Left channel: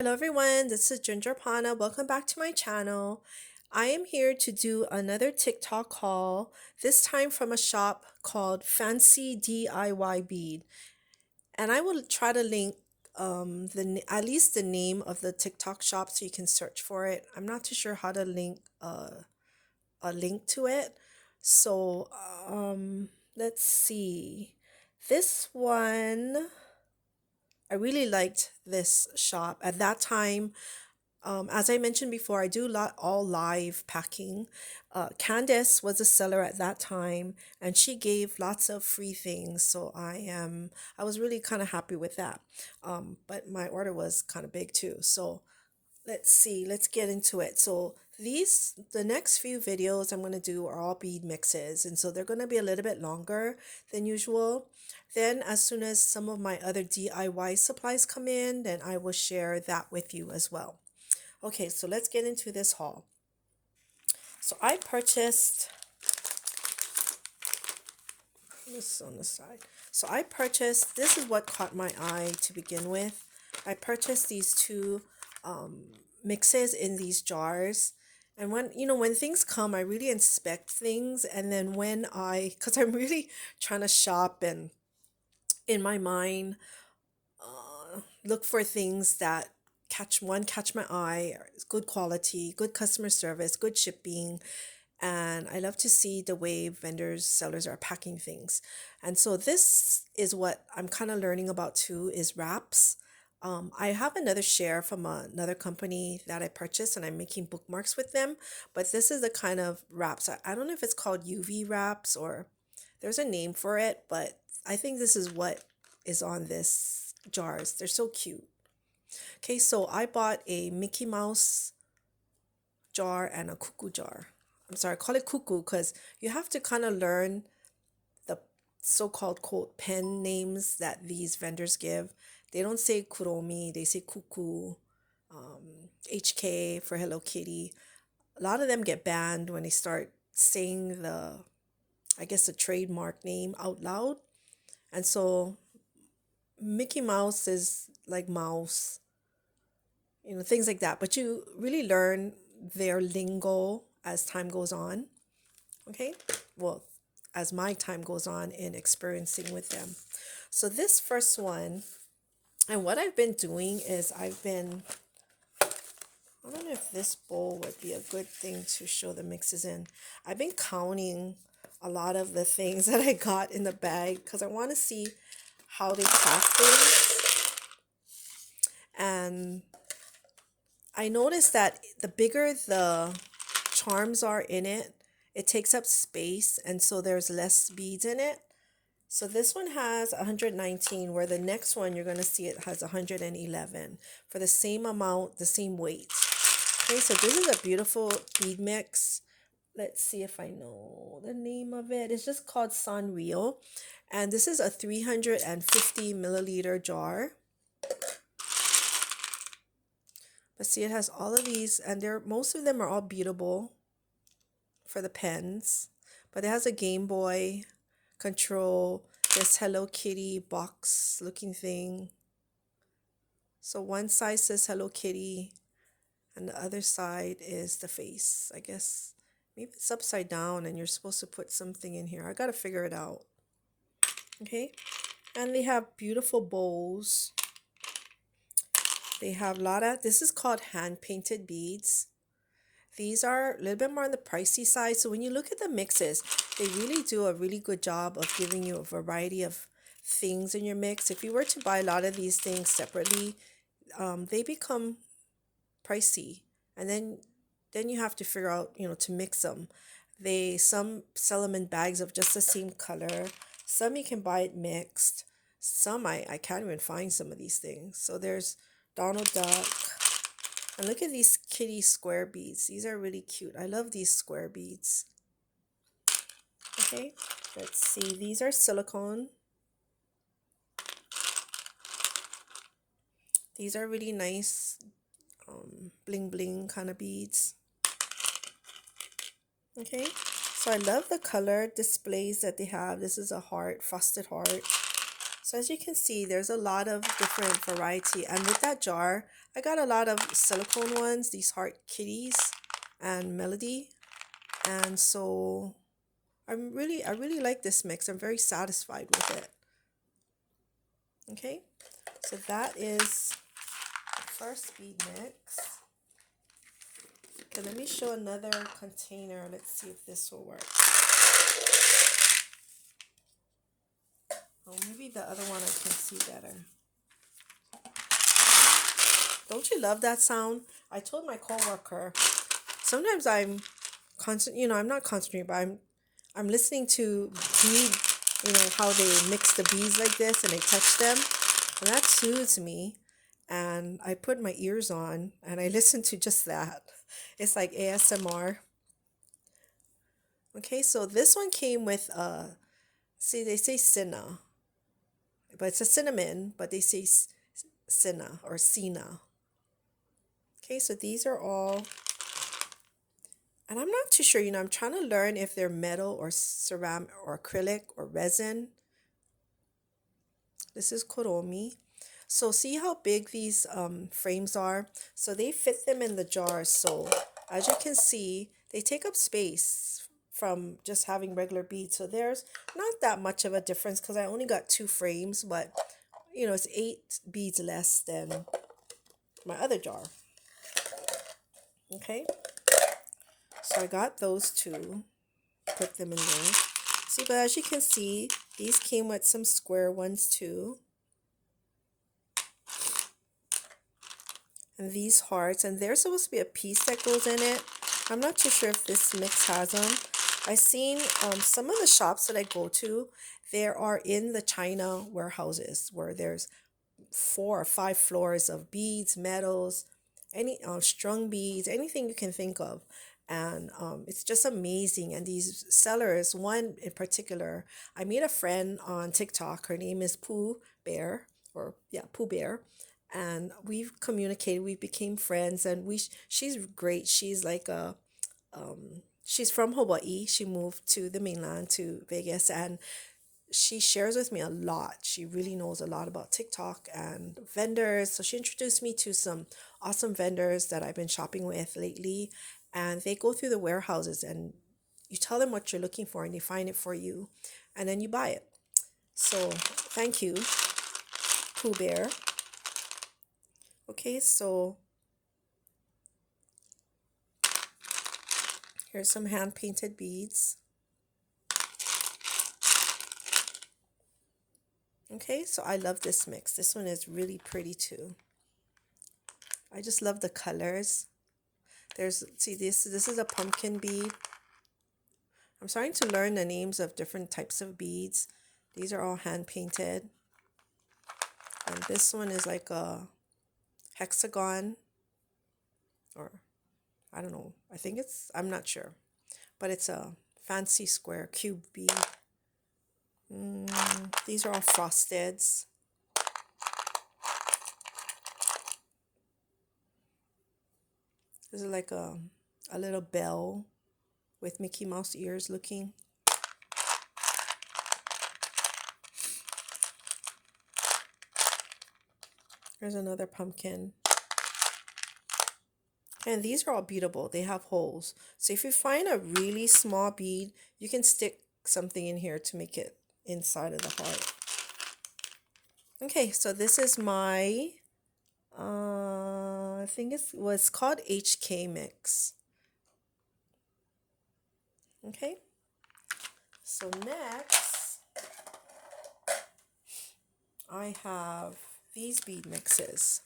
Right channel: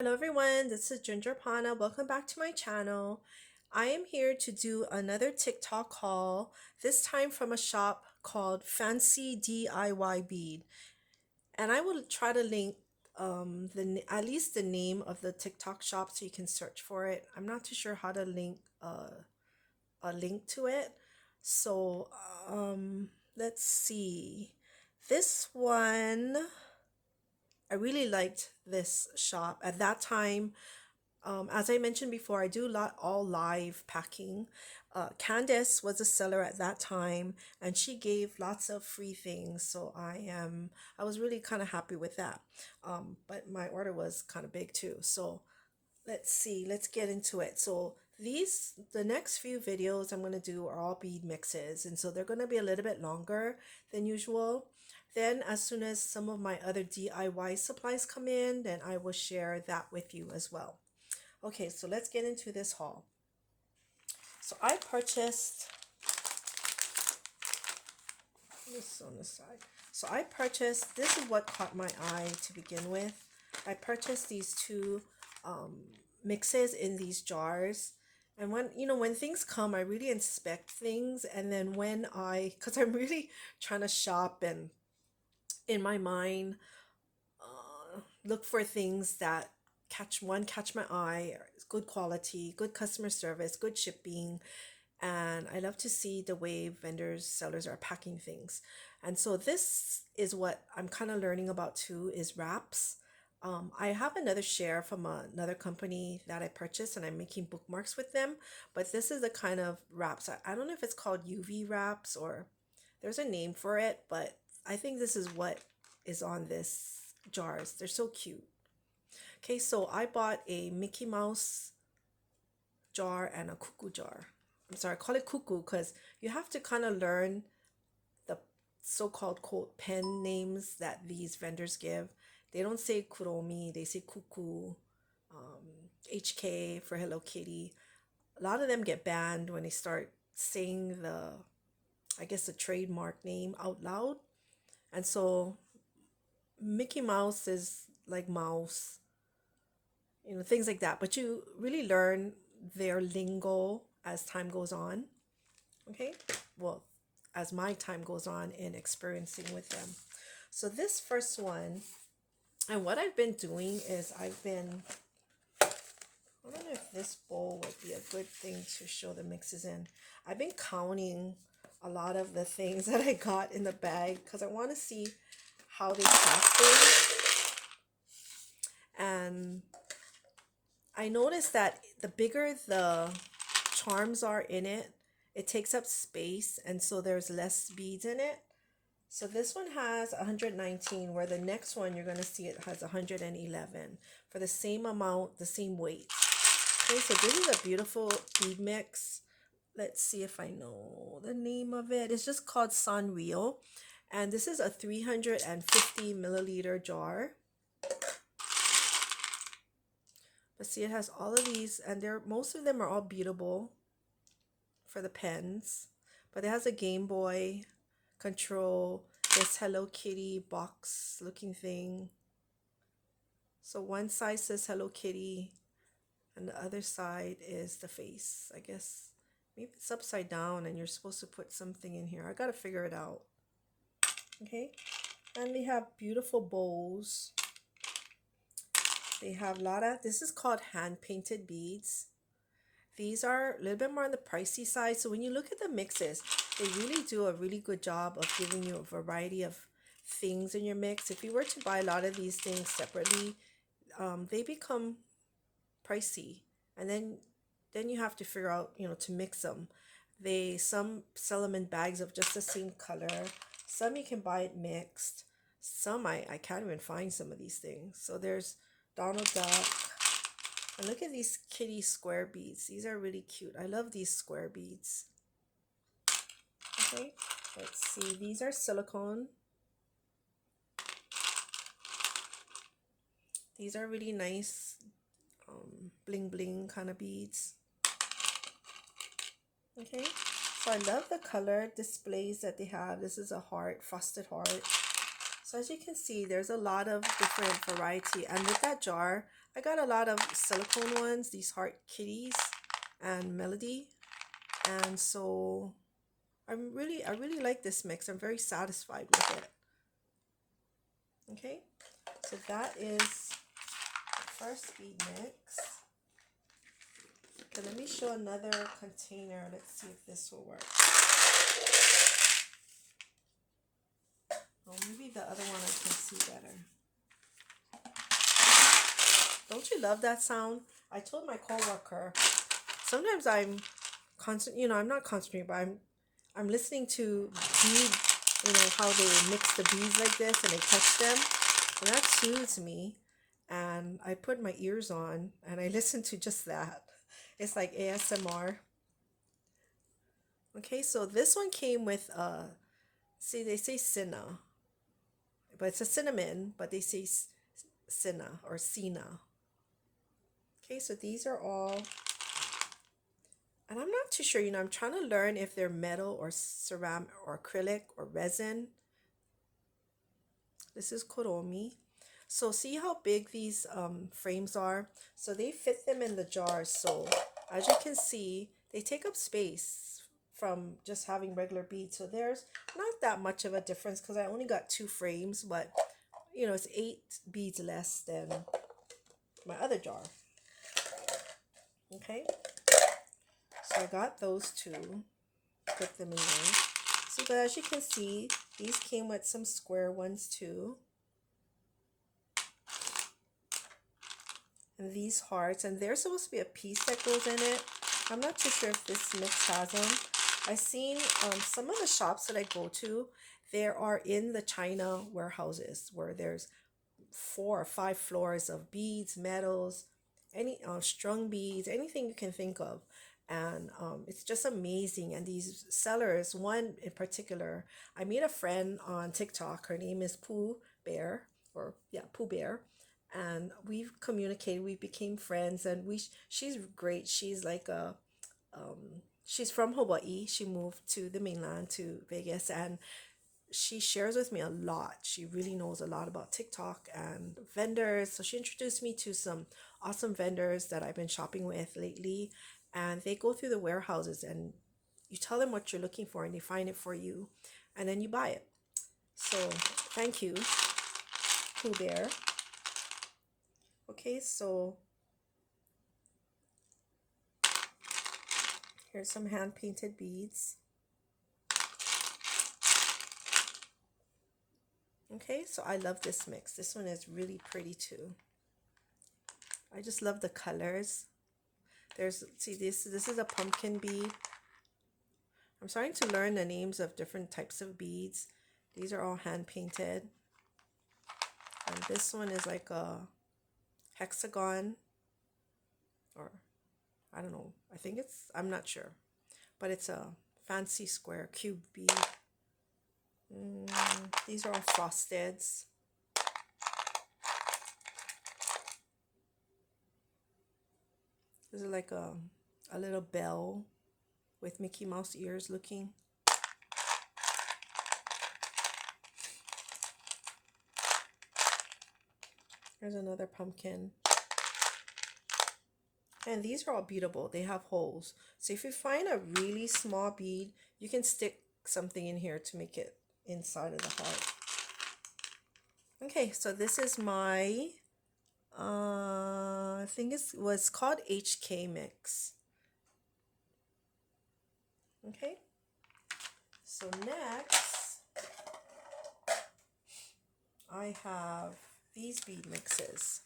Hello everyone, this is Ginger Pana. Welcome back to my channel. I am here to do another TikTok haul, this time from a shop called Fancy DIY Bead. And I will try to link at least the name of the TikTok shop so you can search for it. I'm not too sure how to link a link to it. So let's see. This one, I really liked this shop. At that time, as I mentioned before, I do all live packing. Candace was a seller at that time, and she gave lots of free things. So I was really kind of happy with that. But my order was kind of big too. So let's see, let's get into it. So the next few videos I'm going to do are all bead mixes, and so they're going to be a little bit longer than usual. Then as soon as some of my other DIY supplies come in, then I will share that with you as well. Okay, so let's get into this haul. So I purchased this on the side. So I purchased, this is what caught my eye to begin with. I purchased these two mixes in these jars. And when things come, I really inspect things. And then because I'm really trying to shop and in my mind, look for things that catch my eye, good quality, good customer service, good shipping, and I love to see the way sellers are packing things. And so this is what I'm kind of learning about too, is wraps. I have another share from another company that I purchased, and I'm making bookmarks with them. But this is the kind of wraps. I don't know if it's called UV wraps or there's a name for it, but I think this is what is on this jars. They're so cute. Okay, so I bought a Mickey Mouse jar and a cuckoo jar. I'm sorry, I call it cuckoo because you have to kind of learn the so-called quote pen names that these vendors give. They don't say Kuromi, they say cuckoo, HK for Hello Kitty. A lot of them get banned when they start saying I guess, the trademark name out loud. And so Mickey Mouse is like mouse, things like that. But you really learn their lingo as time goes on. Okay, well, as my time goes on in experiencing with them. So this first one, and what I've been doing is I don't know if this bowl would be a good thing to show the mixes in. I've been counting a lot of the things that I got in the bag because I want to see how they pack things. And I noticed that the bigger the charms are in it, it takes up space, and so there's less beads in it. So this one has 119, where the next one you're going to see it has 111 for the same amount, the same weight. Okay, so this is a beautiful bead mix. Let's see if I know the name of it. It's just called Sunreal, and this is a 350 milliliter jar. But see, it has all of these, and most of them are all beatable for the pens. But it has a Game Boy control, this Hello Kitty box looking thing. So one side says Hello Kitty, and the other side is the face. I guess maybe it's upside down, and you're supposed to put something in here. I gotta figure it out. Okay, and they have beautiful bowls. They have a lot of, this is called hand painted beads. These are a little bit more on the pricey side. So when you look at the mixes, they really do a really good job of giving you a variety of things in your mix. If you were to buy a lot of these things separately, they become pricey. And then you have to figure out, to mix them. Some sell them in bags of just the same color. Some you can buy it mixed. Some I can't even find some of these things. So there's Donald Duck. And look at these kitty square beads. These are really cute. I love these square beads. Okay, let's see. These are silicone. These are really nice bling bling kind of beads. Okay, so I love the color displays that they have. This is a heart, frosted heart. So as you can see, there's a lot of different variety. And with that jar, I got a lot of silicone ones, these heart kitties and melody. And so I really like this mix. I'm very satisfied with it. Okay, so that is the first bead mix. Okay, let me show another container. Let's see if this will work. Well, maybe the other one I can see better. Don't you love that sound? I told my coworker, sometimes I'm I'm not concentrating, but I'm listening to bead, how they mix the beads like this and they touch them. And that soothes me. And I put my ears on and I listen to just that. It's like ASMR. Okay, so this one came with see, they say cinna, but it's a cinnamon, but they say cinna or cina. Okay, so these are all, and I'm not too sure, I'm trying to learn if they're metal or ceramic or acrylic or resin. This is Kuromi. So see how big these frames are? So they fit them in the jars. So as you can see, they take up space from just having regular beads. So there's not that much of a difference because I only got 2 frames, but it's 8 beads less than my other jar. Okay, so I got those 2, put them in there. See, but as you can see, these came with some square ones too. And these hearts, and there's supposed to be a piece that goes in it. I'm not too sure if this mix has them. I've seen some of the shops that I go to, there are in the China warehouses where there's 4 or 5 floors of beads, metals, any strung beads, anything you can think of. And it's just amazing. And these sellers, one in particular, I made a friend on TikTok. Her name is Pooh Bear, or yeah, Pooh Bear. And we've communicated, we became friends, and she's great. She's like she's from Hawaii. She moved to the mainland, to Vegas, and she shares with me a lot. She really knows a lot about TikTok and vendors. So she introduced me to some awesome vendors that I've been shopping with lately. And they go through the warehouses and you tell them what you're looking for and they find it for you. And then you buy it. So thank you, Pooh Bear. Okay, so here's some hand painted beads. Okay, so I love this mix. This one is really pretty too. I just love the colors. See, this is a pumpkin bead. I'm starting to learn the names of different types of beads. These are all hand painted. And this one is like a hexagon, or I don't know. I'm not sure. But it's a fancy square cube bead. These are all frosteds. This is like a little bell with Mickey Mouse ears looking. Here's another pumpkin. And these are all beadable. They have holes. So if you find a really small bead, you can stick something in here to make it inside of the heart. Okay, so this is my, I think it was called HK Mix. Okay, so next, I have these bead mixes.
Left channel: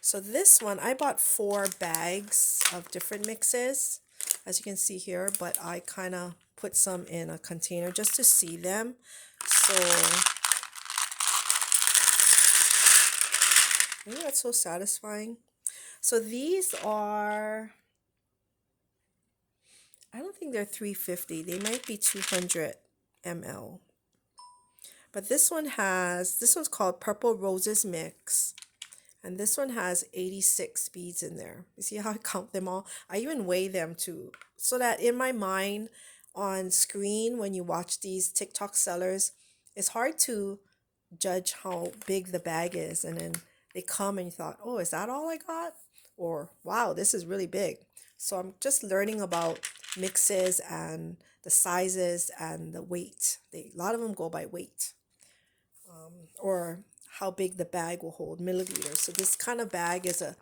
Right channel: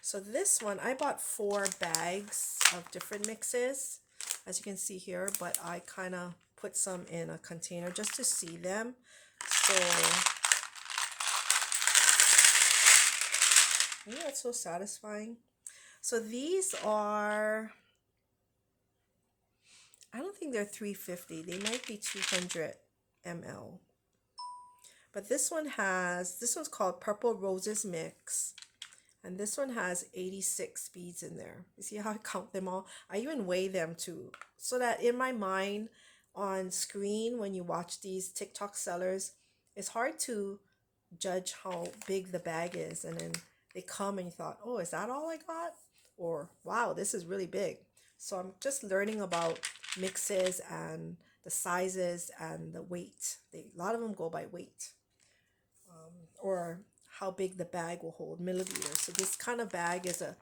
So this one, I bought 4 bags of different mixes, as you can see here, but I kind of put some in a container just to see them. So, yeah, it's so satisfying. So these are, I don't think they're 350. They might be 200 ml. But this one's called Purple Roses Mix. And this one has 86 beads in there. You see how I count them all? I even weigh them too. So that in my mind, on screen, when you watch these TikTok sellers, it's hard to judge how big the bag is. And then they come and you thought, oh, is that all I got? Or wow, this is really big. So I'm just learning about mixes and the sizes and the weight. A lot of them go by weight, or how big the bag will hold, milliliters. So this kind of bag is a,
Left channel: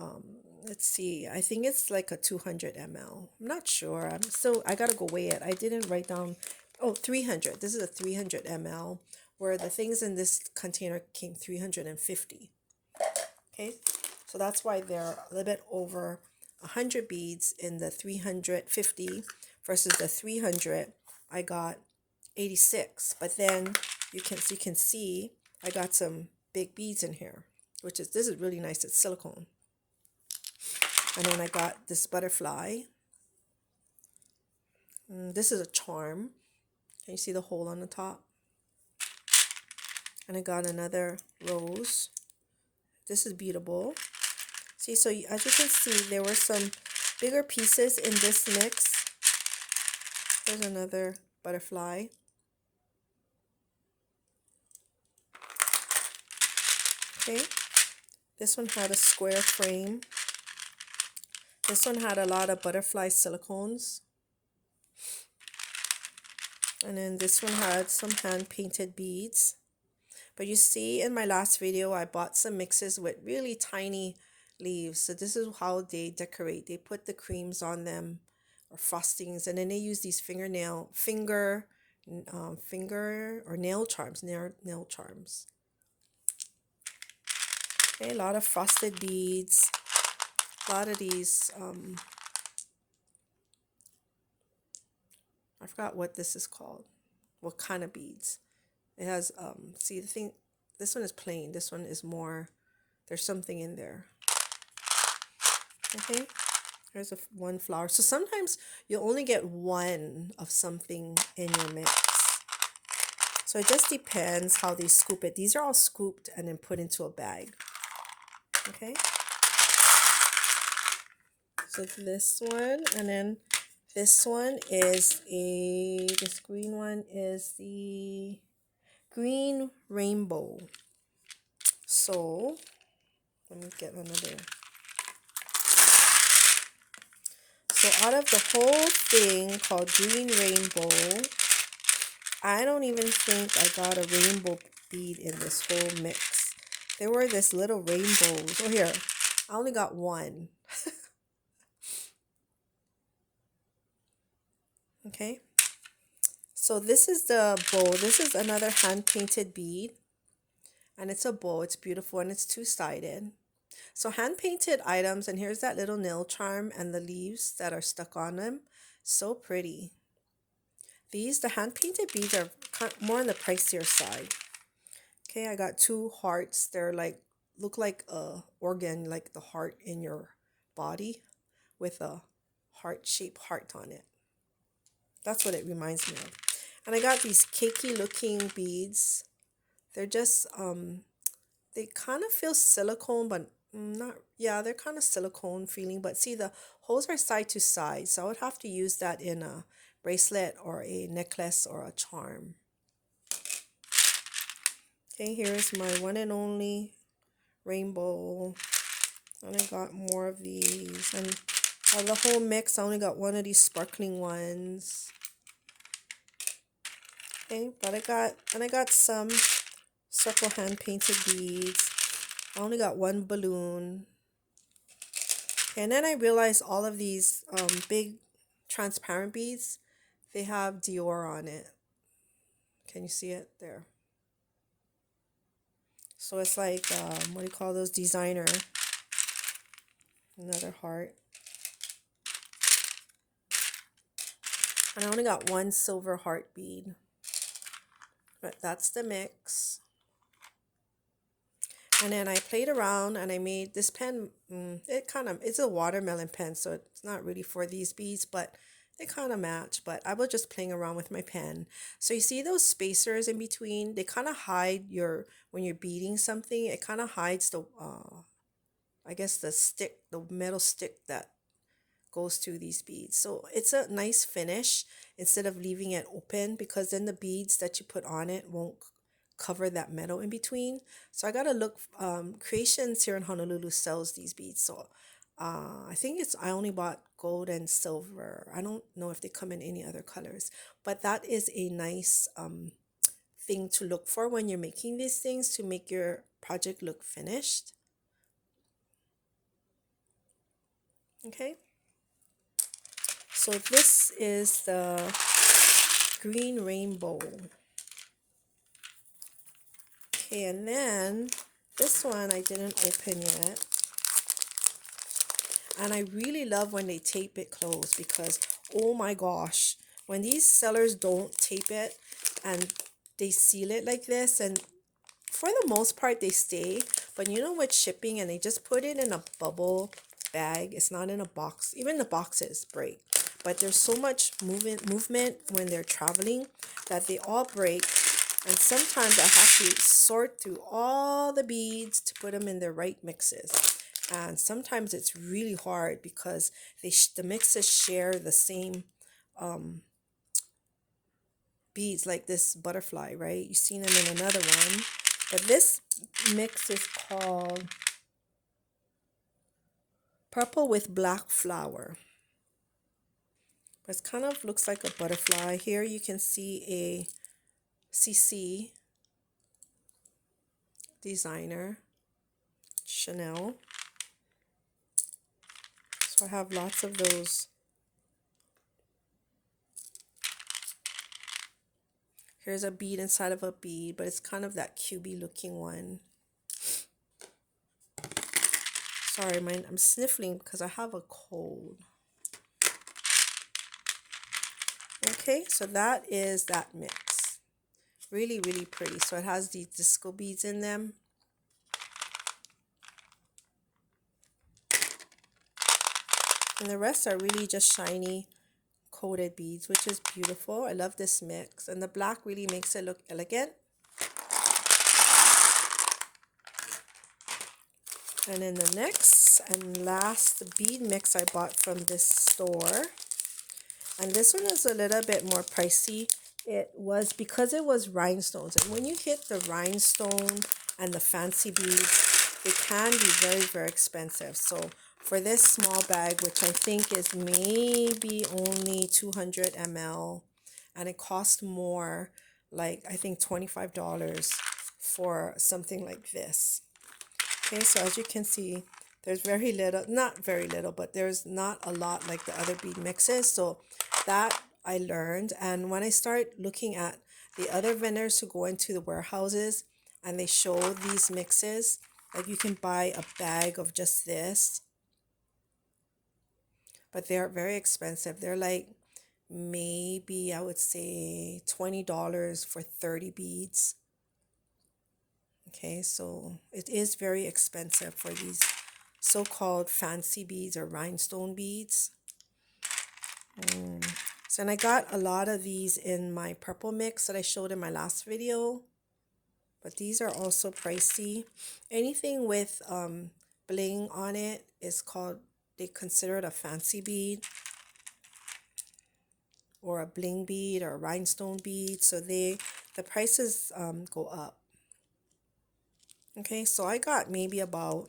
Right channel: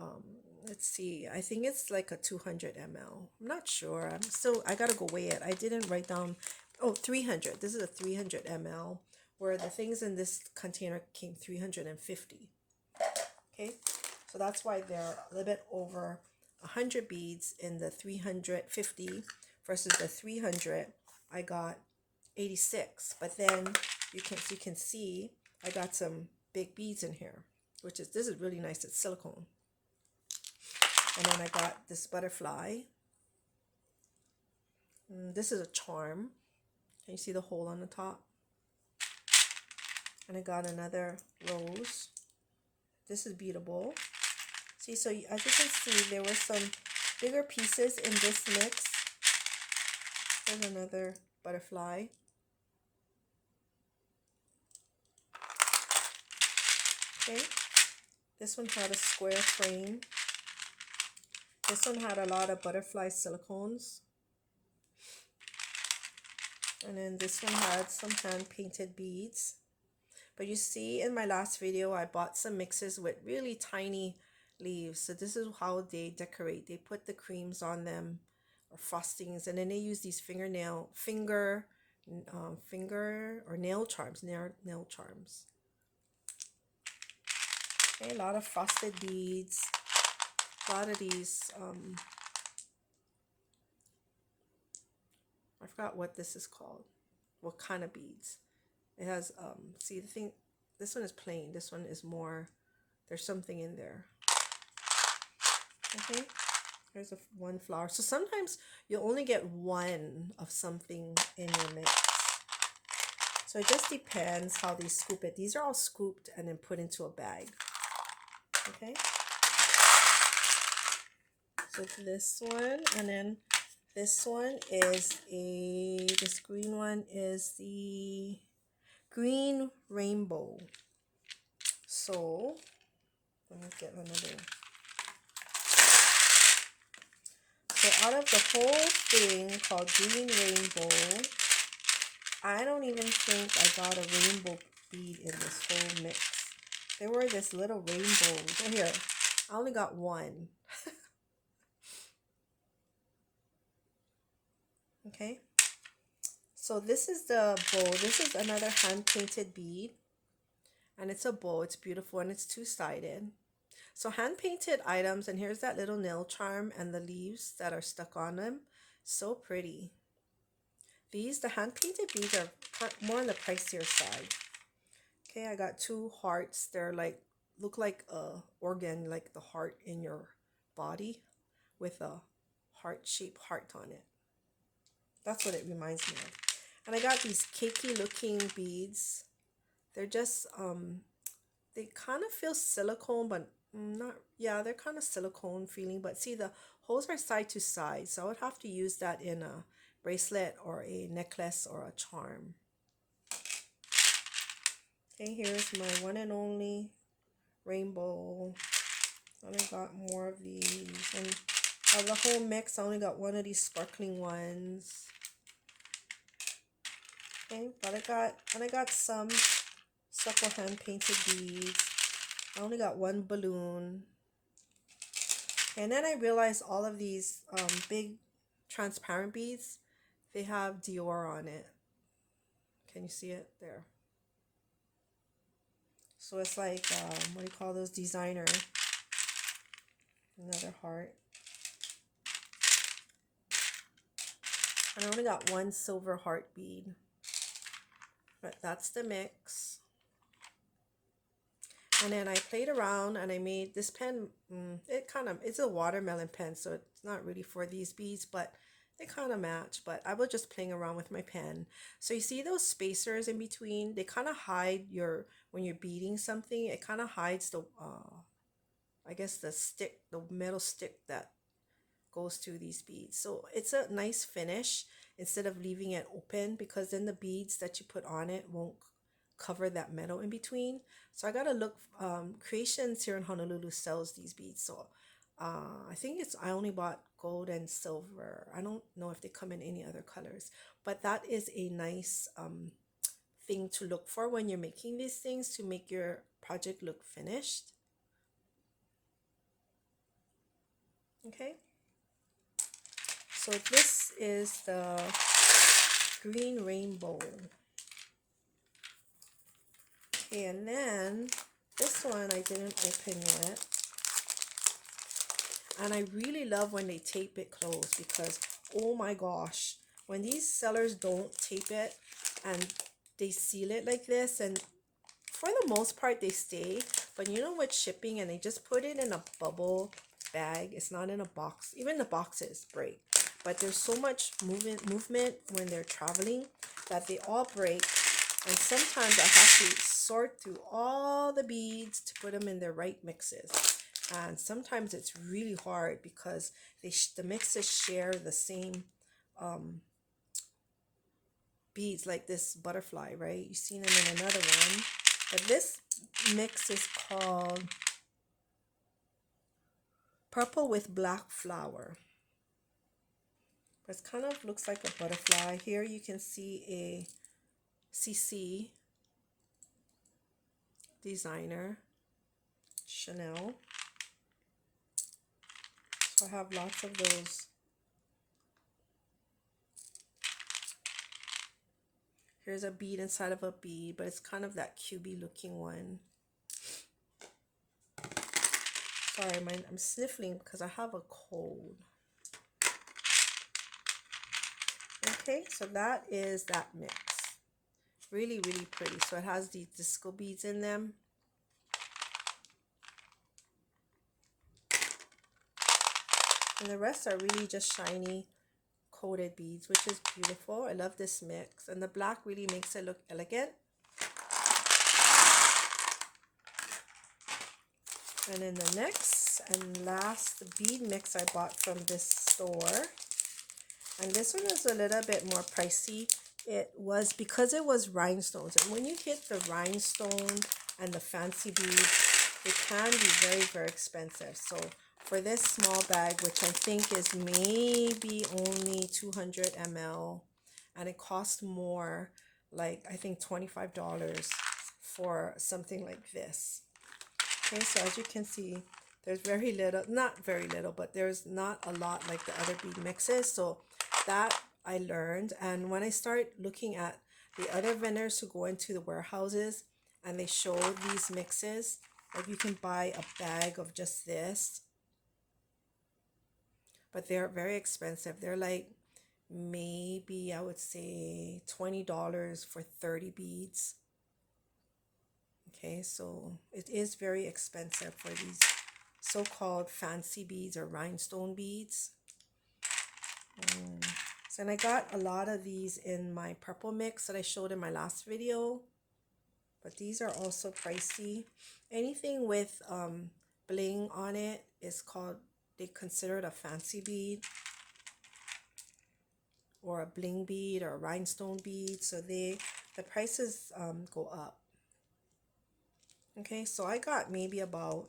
um, let's see, I think it's like a 200 ml. I'm not sure. I gotta go weigh it. I didn't write down, oh, 300. This is a 300 ml, where the things in this container came 350. Okay, so that's why they're a little bit over 100 beads in the 350 versus the 300. I got 86, but then you can see I got some big beads in here, which is, this is really nice. It's silicone. And then I got this butterfly. This is a charm. Can you see the hole on the top? And I got another rose. This is beadable. See, so as you can see, there were some bigger pieces in this mix. There's another butterfly. Okay, this one had a square frame. This one had a lot of butterfly silicones. And then this one had some hand-painted beads. But you see in my last video, I bought some mixes with really tiny leaves. So this is how they decorate. They put the creams on them, or frostings, and then they use these finger or nail charms, nail charms. Okay, a lot of frosted beads. A lot of these, I forgot what this is called. What kind of beads? It has, see the thing, this one is plain. This one is more, there's something in there. Okay, there's one flower. So sometimes you only get one of something in your mix. So it just depends how they scoop it. These are all scooped and then put into a bag. Okay. So this one, and then this one is this green one is the green rainbow. So let me get another. So out of the whole thing called green rainbow, I don't even think I got a rainbow bead in this whole mix. There were this little rainbows. Oh, here, I only got one. Okay, so this is the bow. This is another hand-painted bead, and it's a bow. It's beautiful, and it's two-sided. So hand-painted items, and here's that little nail charm and the leaves that are stuck on them. So pretty. The hand-painted beads are more on the pricier side. Okay, I got two hearts. They're like, look like a organ, like the heart in your body, with a heart-shaped heart on it. That's what it reminds me of. And I got these cakey looking beads. They're just, they kind of feel silicone, but not, yeah, they're kind of silicone feeling. But see, the holes are side to side. So I would have to use that in a bracelet or a necklace or a charm. Okay, here's my one and only rainbow. And I got more of these. And out of the whole mix, I only got one of these sparkling ones. Okay, but I got some circle hand painted beads. I only got one balloon. And then I realized all of these big transparent beads, they have Dior on it. Can you see it there? So it's like, what do you call those? Designer. Another heart. And I only got one silver heart bead. But that's the mix. And then I played around and I made this pen. It's a watermelon pen, so it's not really for these beads, but they kind of match. But I was just playing around with my pen. So you see those spacers in between? They kind of hide when you're beading something, it kind of hides the, I guess the metal stick that goes through these beads. So it's a nice finish instead of leaving it open, because then the beads that you put on it won't cover that metal in between. So I gotta look. Creations here in Honolulu sells these beads. So I think I only bought gold and silver. I don't know if they come in any other colors, but that is a nice thing to look for when you're making these things to make your project look finished. Okay, so this is the green rainbow. Okay, and then this one I didn't open yet. And I really love when they tape it closed because, oh my gosh, when these sellers don't tape it and they seal it like this, and for the most part they stay, but you know, with shipping and they just put it in a bubble bag, it's not in a box. Even the boxes break, but there's so much movement when they're traveling that they all break. And sometimes I have to sort through all the beads to put them in the right mixes. And sometimes it's really hard because the mixes share the same beads, like this butterfly, right? You've seen them in another one. But this mix is called Purple with Black Flower. It kind of looks like a butterfly. Here you can see a CC designer, Chanel. So I have lots of those. Here's a bead inside of a bead, but it's kind of that cubey looking one. Sorry, I'm sniffling because I have a cold. Okay, so that is that mix. Really, really pretty. So it has these disco beads in them. And the rest are really just shiny coated beads, which is beautiful. I love this mix. And the black really makes it look elegant. And then the next and last bead mix I bought from this store. And this one is a little bit more pricey. It was because it was rhinestones. And when you hit the rhinestone and the fancy beads, it can be very, very expensive. So for this small bag, which I think is maybe only 200 ml, and it cost more, like I think $25 for something like this. Okay, so as you can see, there's very little, not very little, but there's not a lot like the other bead mixes. So that I learned. And when I start looking at the other vendors who go into the warehouses and they show these mixes, like you can buy a bag of just this, but they're very expensive. They're like maybe I would say $20 for 30 beads. Okay, so it is very expensive for these so-called fancy beads or rhinestone beads. So, and I got a lot of these in my purple mix that I showed in my last video, but these are also pricey. Anything with bling on it is called, they consider it a fancy bead or a bling bead or a rhinestone bead. So the prices go up. Okay, so I got maybe about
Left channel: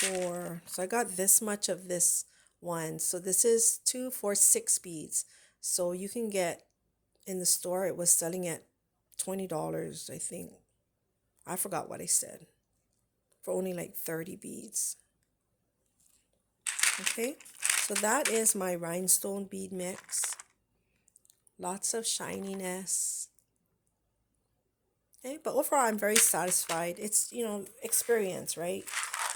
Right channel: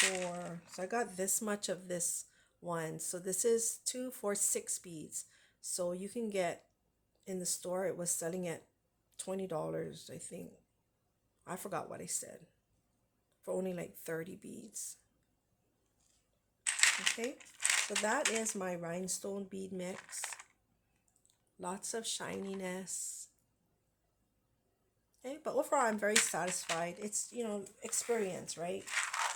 so I got this much of this one. So this is 2, 4, 6 beads. So you can get in the store, it was selling at $20, I think. I forgot what I said. For only like 30 beads. Okay, so that is my rhinestone bead mix. Lots of shininess. Okay, but overall I'm very satisfied. It's, you know, experience, right?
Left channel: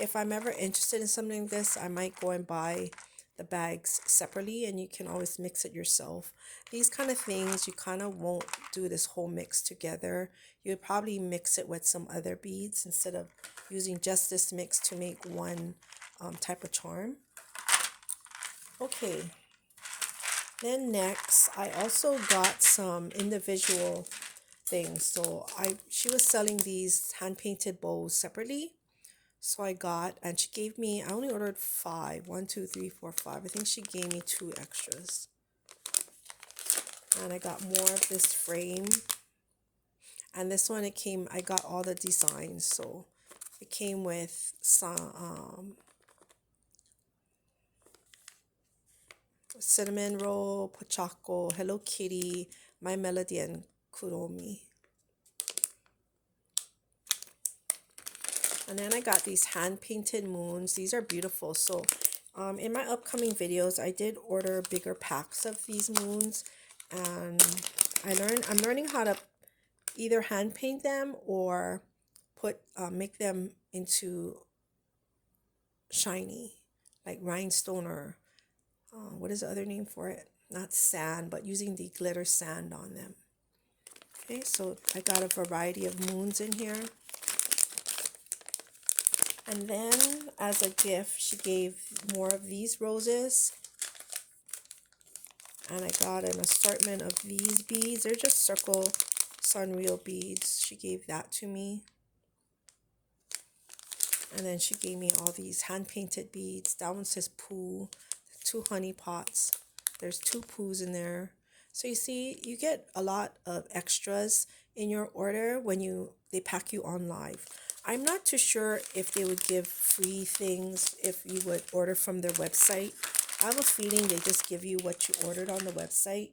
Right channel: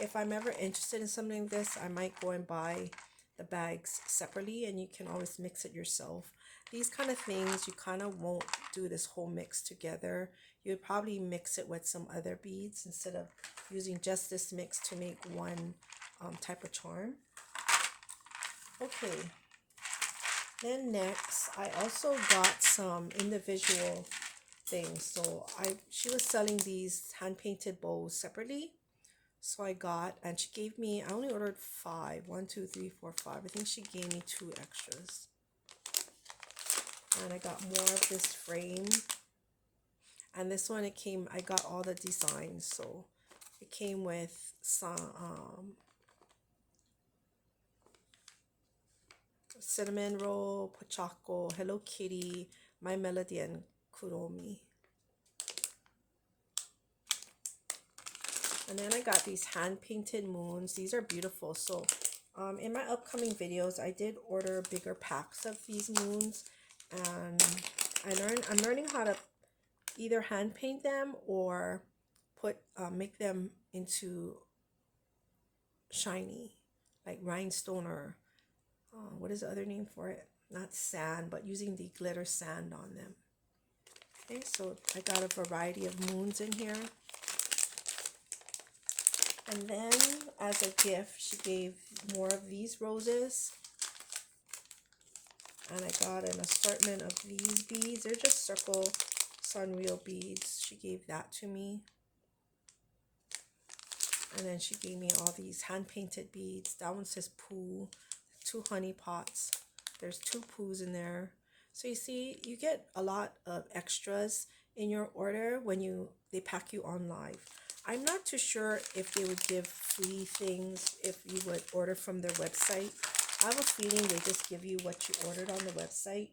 If I'm ever interested in something like this, I might go and buy the bags separately, and you can always mix it yourself. These kind of things, you kind of won't do this whole mix together. You'd probably mix it with some other beads instead of using just this mix to make one type of charm. Okay, then next, I also got some individual things. So she was selling these hand-painted bows separately. So I got, and she gave me, I only ordered 5. 1, 2, 3, 4, 5. I think she gave me 2 extras. And I got more of this frame. And this one, it came, I got all the designs. So it came with some cinnamon roll, Pochako, Hello Kitty, My Melody, and Kuromi. And then I got these hand-painted moons. These are beautiful. So in my upcoming videos, I did order bigger packs of these moons. And I'm learning how to either hand paint them or make them into shiny, like rhinestone, or what is the other name for it? Not sand, but using the glitter sand on them. Okay, so I got a variety of moons in here. And then as a gift, she gave more of these roses. And I got an assortment of these beads. They're just circle Sunreal beads. She gave that to me. And then she gave me all these hand-painted beads. That one says Pooh. 2 honey pots. There's 2 Poohs in there. So you see, you get a lot of extras in your order when they pack you on live. I'm not too sure if they would give free things if you would order from their website. I have a feeling they just give you what you ordered on the website.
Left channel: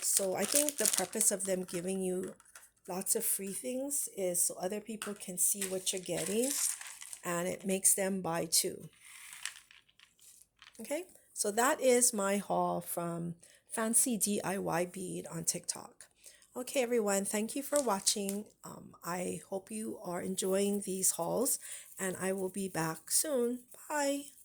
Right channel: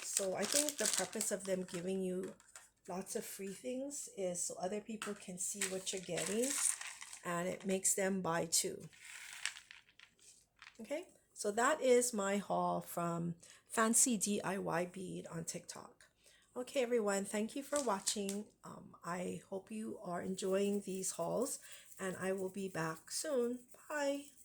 So I think the purpose of them giving you lots of free things is so other people can see what you're getting, and it makes them buy too. Okay, so that is my haul from Fancy DIY Bead on TikTok. Okay, everyone, thank you for watching. I hope you are enjoying these hauls, and I will be back soon. Bye.